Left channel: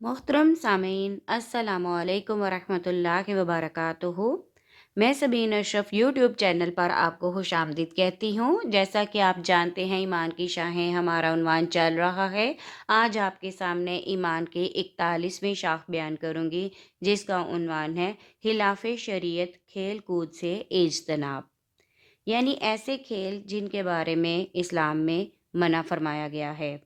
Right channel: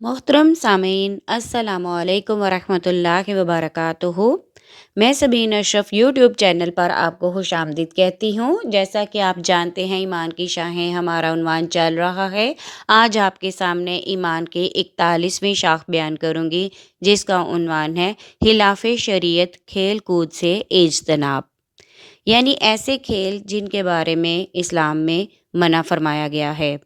मोहतरम सामीन अस्सलामुअलैकुम वरहमतुल्लाहि वबरकातुहू। मैं सबीन अशरफ यूट्यूब चैनल पर आपको खुश आमदीद कहती हूँ। जैसा कि आप जानते हैं, ईमान की शाखें हमारा उन्वान चल रहा है। आज आपके सामने ईमान की 41वीं शाख बयान करूँगी, जिसका उन्वान है खिलाफ शरीयत खेल कूद से इज्तनाब। यानी ऐसे खेल जिनके बारे में इस्लाम में मना फरमाया गया है।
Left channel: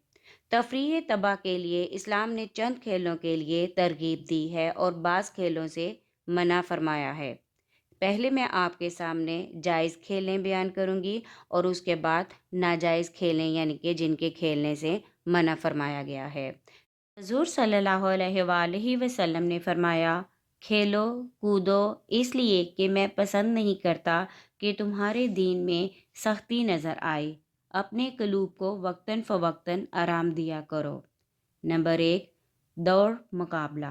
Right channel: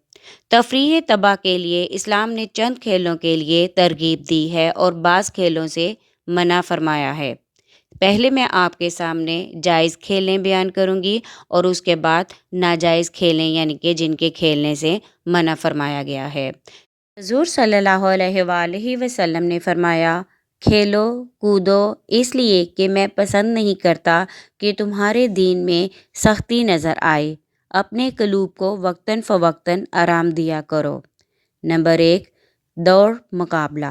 तफरीह तबाह के लिए इस्लाम ने चंद खेलों के लिए तरगीब दी है और बाज़ खेलों से मना फरमाया है। पहले मैं आपके सामने जायज़ खेलें बयान करूंगी और उसके बाद नाजायज़ खेलें, यानी कि जिनके खेलने से मना फरमाया गया है। हुज़ूर सल्लल्लाहु अलैहि वसल्लम ने फरमाया, खेलो कूदो इसलिए कि मैं पसंद नहीं करता कि तुम्हारे दीन में सख्ती नज़र आए। अपने कलूब को वक्तन फ़वक्तन आराम दिया करो। नंबर 1, दौड़ मुकाबला।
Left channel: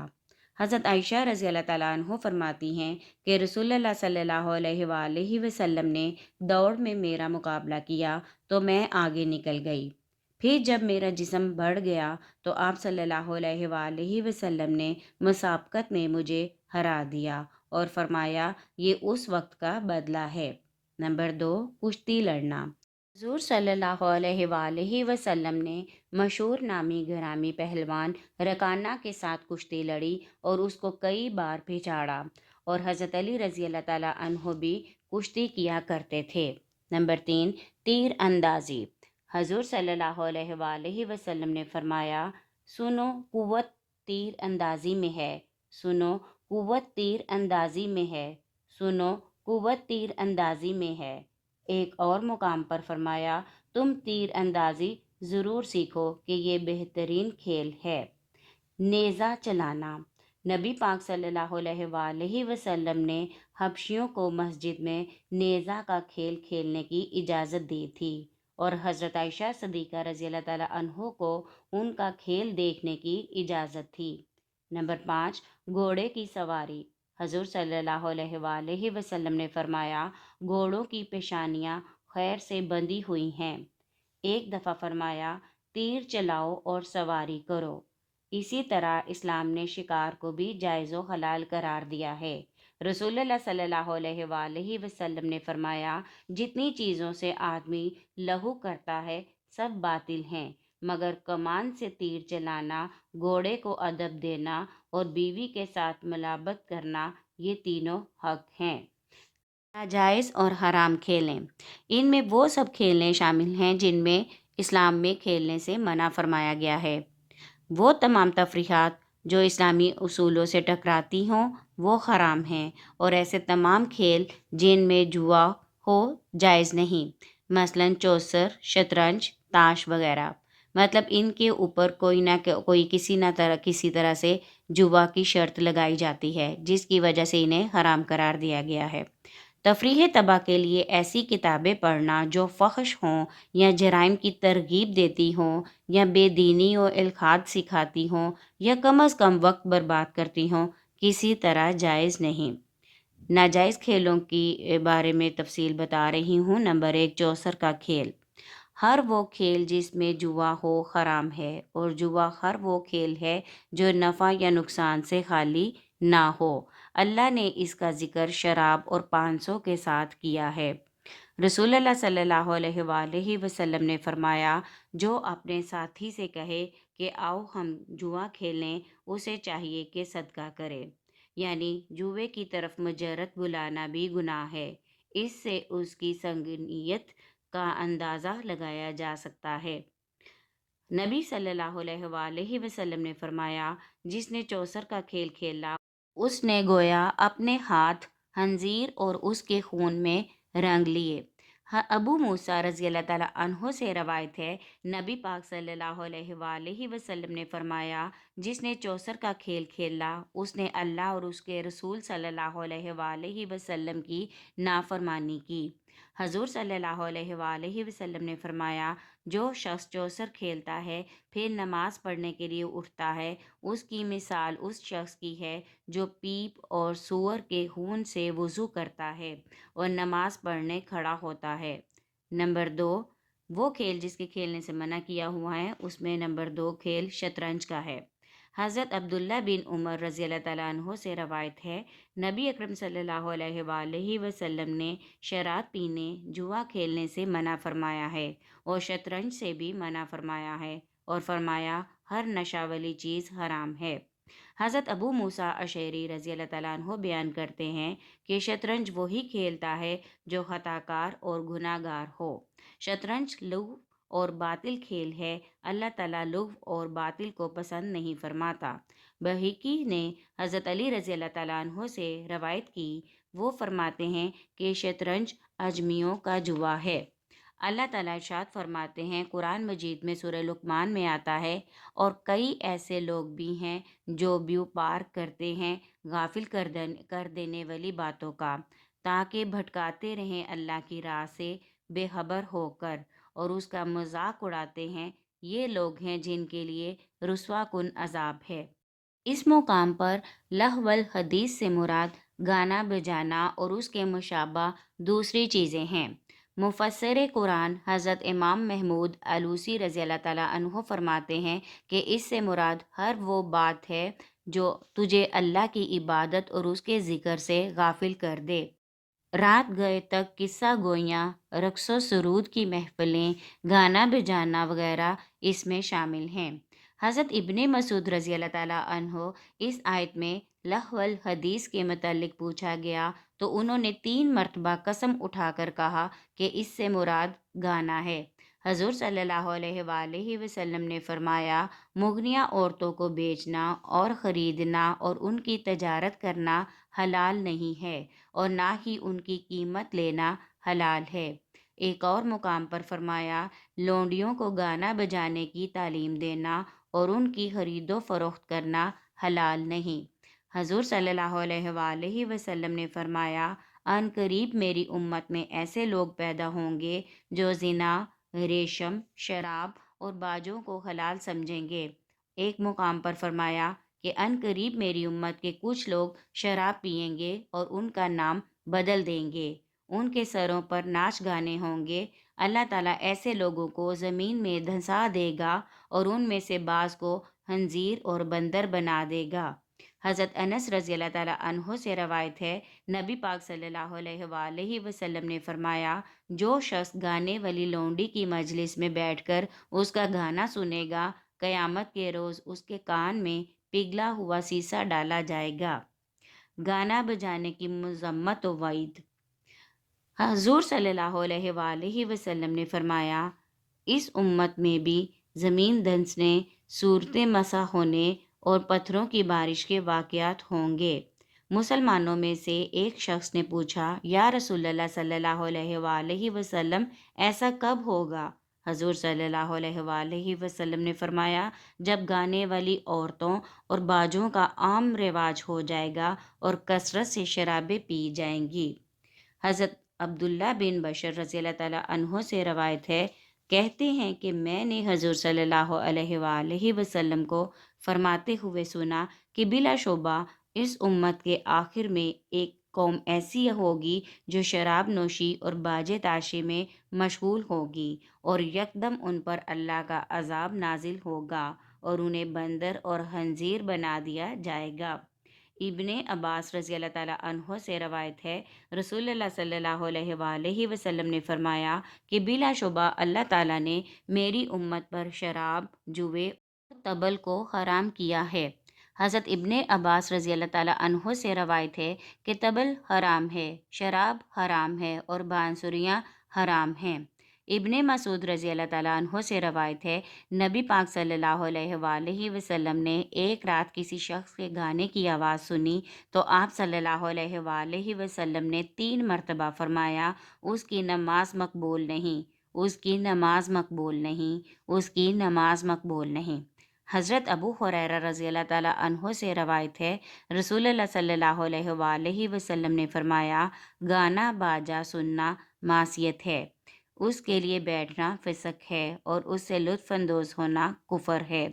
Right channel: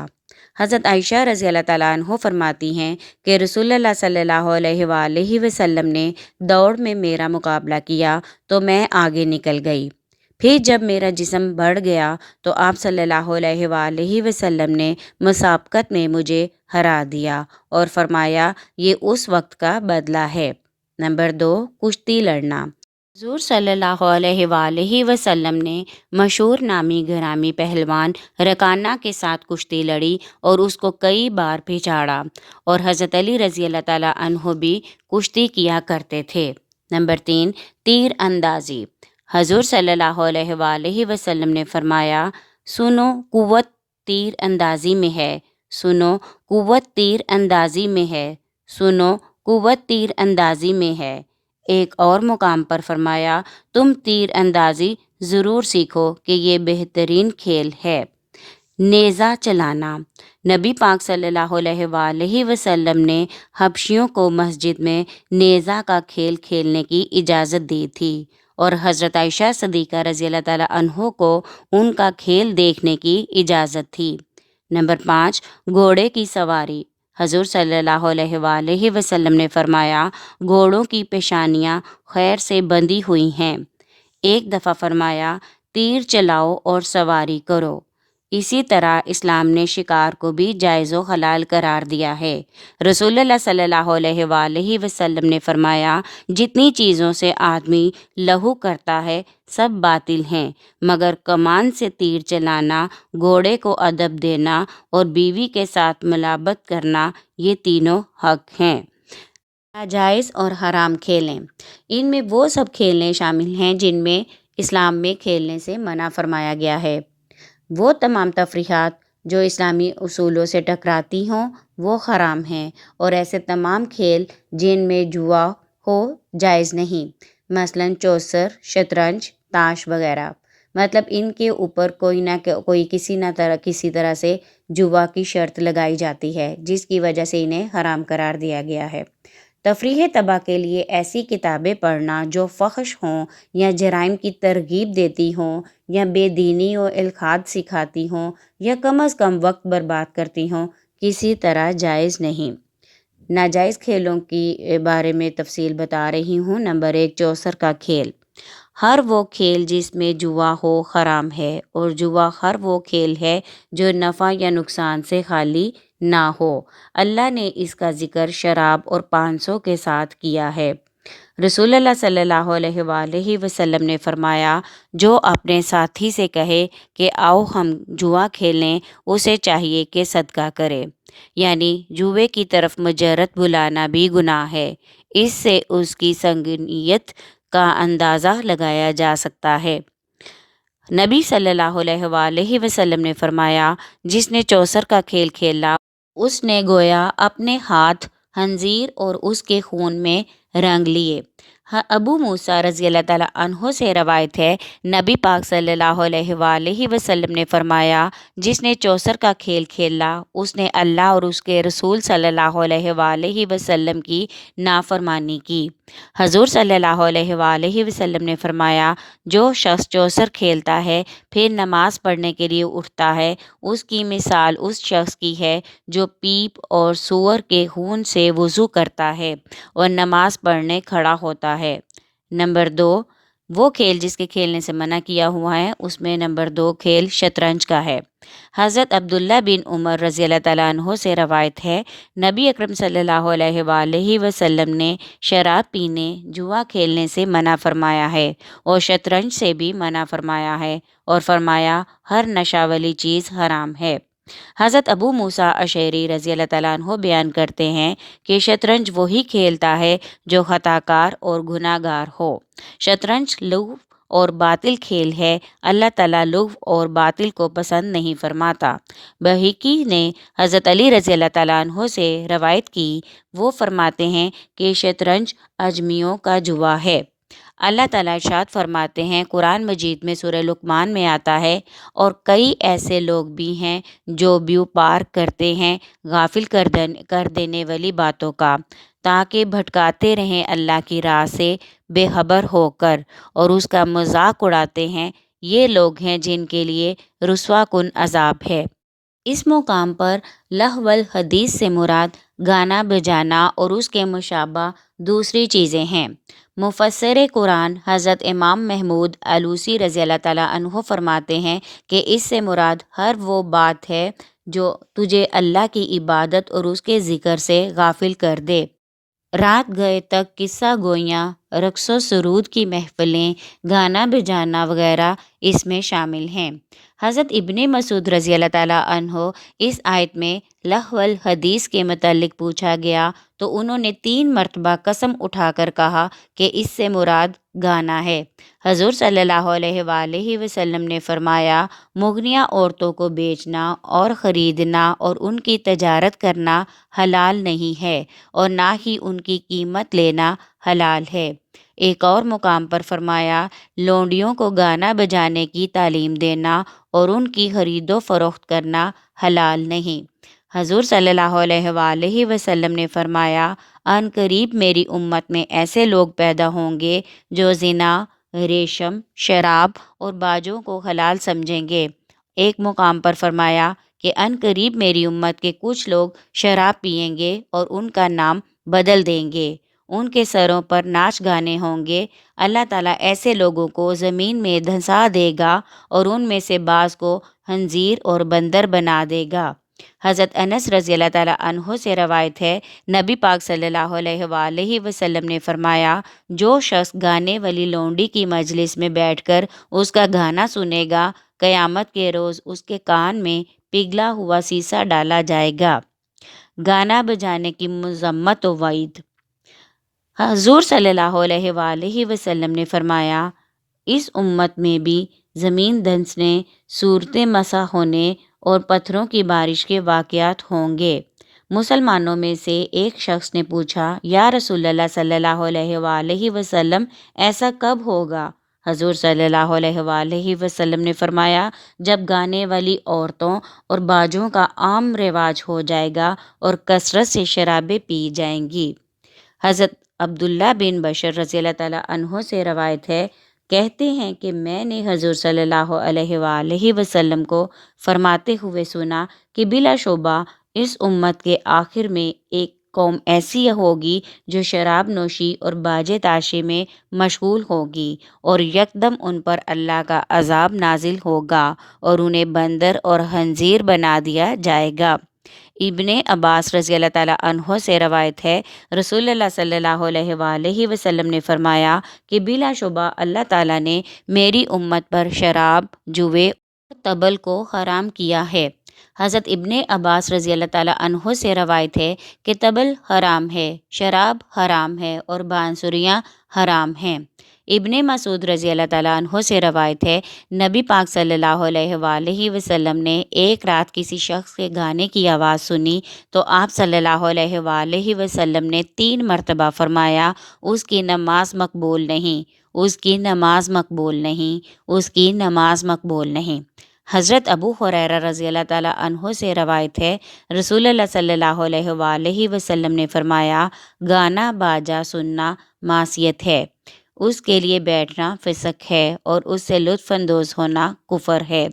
हज़रत आयशा रज़ी अल्लाह ताला अन्हा फरमाती हैं कि रसूलुल्लाह सल्लल्लाहु अलैहि वसल्लम ने दौड़ में मेरा मुकाबला किया तो मैं आगे निकल गई। फिर जब मेरा जिस्म बढ़ गया तो आप सल्लल्लाहु अलैहि वसल्लम ने मुसाबकत में मुझे हरा दिया और फरमाया, ये उस वक्त का बदला है। नंबर 2, कुश्ती लड़ना। हुज़ूर सल्लल्लाहु अलैहि वसल्लम ने मशहूर नामी घरामी पहलवान रकाना के साथ कुश्ती लड़ी और उसको कई बार पिछाड़ा, और हज़रत अली रज़ी अल्लाह ताला अन्हो भी कुश्ती किया करते थे। नंबर 3, तीर अंदाज़ी। हुज़ूर सल्लल्लाहु अलैहि वसल्लम ने फरमाया, सुनो कुव्वत तीर अंदाज़ी में है, सुनो कुव्वत तीर अंदाज़ी में है, सुनो कुव्वत तीर अंदाज़ी में है। एक और मुकाम पर फरमाया, तुम तीर अंदाज़ी ज़रूर सीखो कि ये बेहतरीन खेल है। नेज़ा चलाना। नबी पाक सल्लल्लाहु अलैहि वसल्लम ने हबशियों को मस्जिद में नेज़ा का खेल खेलने की इजाज़त दी थी और हज़रत आयशा सदीक़ा रज़ी अल्लाह ताला अन्हो को उनका खेल देखने की इजाज़त थी। नंबर 5, घोड़े की सवारी। हज़ूर सल्लल्लाहु अलैहि वसल्लम ने फरमाया, घोड़ों की पेशानियाँ खैर से बंधी हुई हैं। एक दफ़ा फरमाया, तीर चलाओ और सवारी करो। इसी तरह इस्लाम ने शिकार को भी जायज़ व हलाल करार दिया है। रसूलुल्लाह सल्लल्लाहु अलैहि वसल्लम ने फरमाया, जितनी चीज़ों से आदमी लहू करता है सब बातिल हैं, मगर कमान से तीर चलाना, घोड़े को अदब देना और बीवी के साथ मुलाबत करना, ये तीनों हक हैं। नाजायज़ और हराम खेलें। इनमें वो सब खेलें शामिल हैं जिनमें इस्लाम में खेलने से मना फरमाया गया है। वो तमाम तफरीहात जो इस्लामी उसूलों से टकराती हों वो हराम हैं, और ऐसे तमाम खेल जिनमें जुआ हो जायज़ नहीं, मसलन चौसर, शतरंज, ताश वगैरह। मतलब इनके ऊपर कोई किसी तरह से जुआ की शर्त लगाई जाती है, जिसकी वजह से इन्हें हराम करार दिया गया है। तफरीह तबाह के लिए ऐसी किताबें पढ़ना जो फ़हश हों या जराइम की तरगीब देती हों या बेदीनी और इल्हाद सिखाती हों या कम अज़ कम वक्त बर्बाद करती हों, किसी तरह जायज़ नहीं। नाजायज़ खेलों की बारे में तफसील बता रही हूँ। नंबर 1, चौसर का खेल। हर वो खेल जिसमें जुआ हो हराम है, और जुआ हर वो खेल है जो नफ़ा या नुकसान से खाली ना हो। अल्लाह ने इसका ज़िक्र शराब और 500 के साथ किया है। रसूलुल्लाह सल्लल्लाहु अलैहि वसल्लम ने फरमाया, जो अपने साथी से कहे कि आओ हम जुआ खेलें, उसे चाहिए कि सदका करे। यानी जुए की तरफ मुजरत बुलाना भी गुनाह है। इससे उसकी संगीनियत का अंदाज़ा लगाया जा सकता है। नबी सल्लल्लाहु अलैहि वसल्लम ने फरमाया, जिसने चौसर का खेल खेला उसने गोया अपने हाथ हंजीर और उसके खून में रंग लिए। अबू मूसा रज़ी अल्लाह ताला अन्हो से रवायत है, नबी पाक सल्लल्लाहु अलैहि वसल्लम ने फरमाया, जिसने चौसर का खेल खेला उसने अल्लाह और उसके रसूल सल्लल्लाहु अलैहि वसल्लम की नाफरमानी की। हजूर सल्लल्लाहु अलैहि वसल्लम ने फरमाया, जो शख्स चौसर खेलता है फिर नमाज पढ़ने के लिए उठता है, उसकी मिसाल उस शख्स की है जो पीप और सूअर के खून से वज़ू करता है और नमाज पढ़ने खड़ा होता है। नंबर 2, وہ کھیل جس کے کھیلنے سے منع کیا ہوا ہے اس میں نمبر 2 کھیل شطرنج کا ہے۔ حضرت عبداللہ بن عمر رضی اللہ تعالیٰ عنہ سے روایت ہے، نبی اکرم صلی اللہ علیہ وآلہ وسلم نے شراب پینے، جوا کھیلنے سے منع فرمایا ہے اور شطرنج سے بھی منع فرمایا ہے اور فرمایا ہر نشہ والی چیز حرام ہے۔ حضرت ابو موسیٰ اشعری رضی اللہ تعالیٰ عنہ بیان کرتے ہیں کہ شطرنج وہی کھیلتا ہے جو خطا کار اور گناہ گار ہو۔ شطرنج لغو اور باطل کھیل ہے، اللہ تعالیٰ لغو اور باطل کو پسند نہیں فرماتا۔ بہقی نے حضرت علی رضی اللہ تعالیٰ عنہ سے روایت کی، وہ فرماتے ہیں کہ شطرنج اجمیوں کا جوا ہے۔ اللہ تعالیٰ ارشاد فرماتے ہیں، قرآن مجید میں سورہ لقمان میں آتا ہے، اور کئی ایسے لوگ بھی ہیں جو بیوپار کرتے ہیں غافل کر دینے والی باتوں کا، تاکہ بھٹکاتے رہیں اللہ کی راہ سے بے خبر ہو کر، اور اس کا مذاق اڑاتے ہیں۔ یہ لوگ ہیں جن کے لیے رسوا کن عذاب ہے۔ اس مقام پر لہو الحدیث سے مراد گانا بجانا اور اس کے مشابہ دوسری چیزیں ہیں۔ مفسر قرآن حضرت امام محمود علوسی رضی اللہ تعالیٰ عنہ فرماتے ہیں کہ اس سے مراد ہر وہ بات ہے جو تجھے اللہ کی عبادت اور اس کے ذکر سے غافل کر دے۔ رات گئے تک قصہ گوئیاں، رقص و سرود کی محفلیں، گانا بجانا وغیرہ اس میں شامل ہیں۔ حضرت ابن مسعود رضی اللہ تعالیٰ عنہ اس آیت میں لہو الحدیث کے متعلق پوچھا گیا تو انہوں نے 3 مرتبہ قسم اٹھا کر کہا کہ اس سے مراد گانا ہے۔ حضور صلی اللہ علیہ وآلہ وسلم نے فرمایا، مغنیہ عورتوں کو بیچنا اور خریدنا اور ان کی تجارت کرنا حلال نہیں ہے، اور نہ ہی ان کی قیمت لینا حلال ہے۔ ایک اور مقام پر فرمایا، لونڈیوں کو گانا بجانے کی تعلیم دینا اور ان کی خرید و فروخت کرنا حلال نہیں۔ حضور صلی اللہ علیہ وآلہ وسلم نے فرمایا، ان قریب میری امت میں ایسے لوگ پیدا ہوں گے جو زنا، ریشم، شراب اور باجوں کو حلال سمجھیں گے۔ ایک مقام پر فرمایا کہ ان قریب میری امت کے کچھ لوگ شراب پئیں گے اور ان کا نام بدل دیں گے، ان کے سروں پر ناچ گانے ہوں گے۔ اللہ تعالیٰ ایسے لوگوں کو زمین میں دھنسا دے گا اور ان میں سے بعض کو خنزیر اور بندر بنا دے گا۔ حضرت انس رضی اللہ تعالیٰ عنہ سے روایت ہے، نبی پاک صلی اللہ علیہ وآلہ وسلم نے فرمایا، جو شخص گانے والی لونڈی کی مجلس میں بیٹھ کر اس کا گانا سنے گا، قیامت کے روز اس کے کان میں پگھلا ہوا سیسا ڈالا جائے گا۔ گانا بجانے کی مذمت و وعید۔ حضور صلی اللہ علیہ وآلہ وسلم نے فرمایا، اس امت میں بھی زمین دھنسنے، صورتیں مسح ہونے اور پتھروں کی بارش کے واقعات ہوں گے۔ مسلمانوں میں سے ایک شخص نے پوچھا، یا رسول اللہ صلی اللہ علیہ وآلہ وسلم، ایسا کب ہوگا؟ حضور صلی اللہ علیہ وآلہ وسلم نے فرمایا، جب گانے والی عورتوں اور باجوں کا عام رواج ہو جائے گا اور کثرت سے شرابیں پی جائیں گی۔ حضرت عبداللہ بن بشر رضی اللہ تعالیٰ عنہ سے روایت ہے، کہتے ہیں کہ میں نے حضور صلی اللہ علیہ وآلہ وسلم کو فرماتے ہوئے سنا کہ بلا شبہ اس امت کے آخر میں ایک قوم ایسی ہوگی جو شراب نوشی اور باجے تاشے میں مشغول ہوگی، اور یکدم ان پر اللہ کا عذاب نازل ہوگا اور انہیں بندر اور خنزیر بنا دیا جائے گا۔ ابن عباس رضی اللہ تعالیٰ عنہ سے روایت ہے، رسول اللہ صلی اللہ علیہ وآلہ وسلم نے فرمایا کہ بلا شبہ اللہ تعالیٰ نے میری امت پر شراب، جوے اور طبل کو حرام کیا ہے۔ حضرت ابن عباس رضی اللہ تعالیٰ عنہ سے روایت ہے کہ طبل حرام ہے، شراب حرام ہے اور بانسریاں حرام ہیں۔ ابن مسعود رضی اللہ تعالیٰ عنہ سے روایت ہے، نبی پاک صلی اللہ علیہ وآلہ وسلم نے ایک رات کسی شخص کے گانے کی آواز سنی تو آپ صلی اللہ علیہ وآلہ وسلم نے 3 مرتبہ فرمایا، اس کی نماز مقبول نہیں، اس کی نماز مقبول نہیں، اس کی نماز مقبول نہیں۔ حضرت ابو ہریرہ رضی اللہ تعالیٰ عنہ سے روایت ہے، رسول اللہ صلی اللہ علیہ وآلہ وسلم نے فرمایا، گانا باجا سننا معصیت ہے، اس کے لیے بیٹھنا فسق ہے اور اس سے لطف اندوز ہونا کفر ہے۔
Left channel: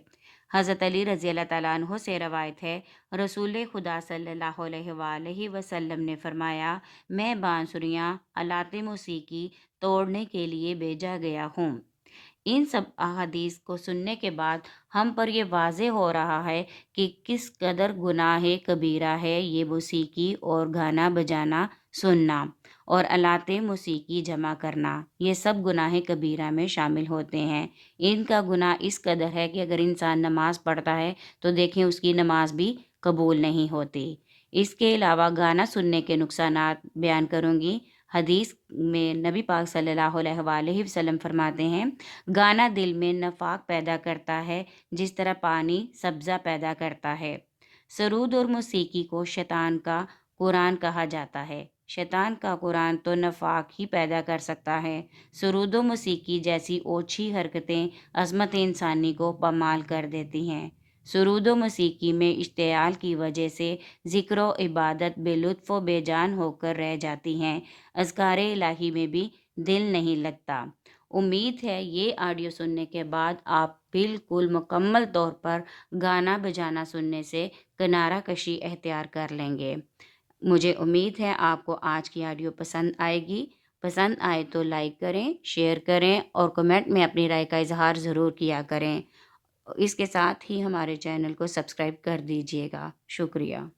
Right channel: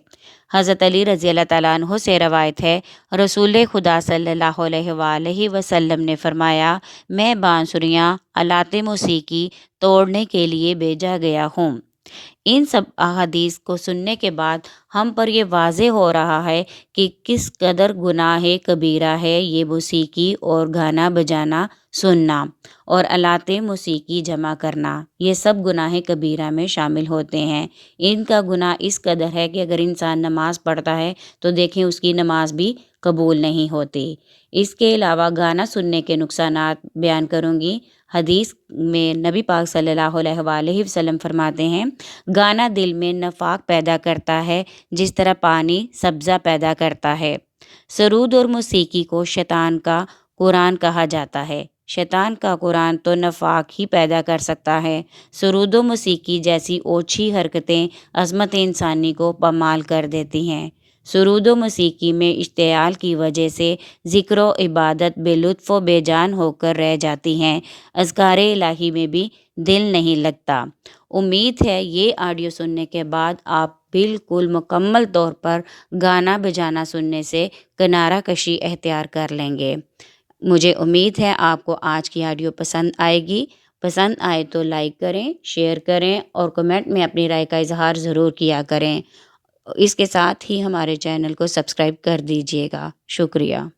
حضرت علی رضی اللہ تعالیٰ عنہ سے روایت ہے، رسول خدا صلی اللہ علیہ وآلہ وسلم نے فرمایا، میں بانسریاں، آلات موسیقی توڑنے کے لیے بھیجا گیا ہوں۔ इन सब अहादीस को सुनने के बाद हम पर ये वाज़े हो रहा है कि किस कदर गुनाह कबीरा है ये मौसीकी और गाना बजाना सुनना और आलाते मौसीकी जमा करना, ये सब गुनाह कबीरा में शामिल होते हैं। इनका गुनाह इस कदर है कि अगर इंसान नमाज पढ़ता है तो देखें उसकी नमाज भी कबूल नहीं होती। इसके अलावा गाना सुनने के नुकसानात बयान करूँगी। हदीस में नबी पाक सल्लल्लाहु अलैहि वसल्लम फरमाते हैं, गाना दिल में नफाक पैदा करता है जिस तरह पानी सब्ज़ा पैदा करता है। सरूद और मौसीकी को शैतान का कुरान कहा जाता है। शैतान का कुरान तो नफाक ही पैदा कर सकता है। सरूद व मौसीकी जैसी ओछी हरकतें अज़मत इंसानी को पामाल कर देती हैं। सरूद व मौसीकी में इश्तियाल की वजह से ज़िक्र व इबादत बेलुत्फ़ व बेजान होकर रह जाती हैं। अज़कारे इलाही में भी दिल नहीं लगता। उम्मीद है ये ऑडियो सुनने के बाद आप बिल्कुल मुकम्मल तौर पर गाना बजाना सुनने से किनारा कशी एख्तियार कर लेंगे। मुझे उम्मीद है आपको आज की ऑडियो पसंद आएगी। पसंद आए तो लाइक करें, शेयर करें और कमेंट में अपनी राय का इज़हार ज़रूर किया करें। इसके साथ ही हमारे चैनल को सब्सक्राइब कर दीजिएगा। शुक्रिया।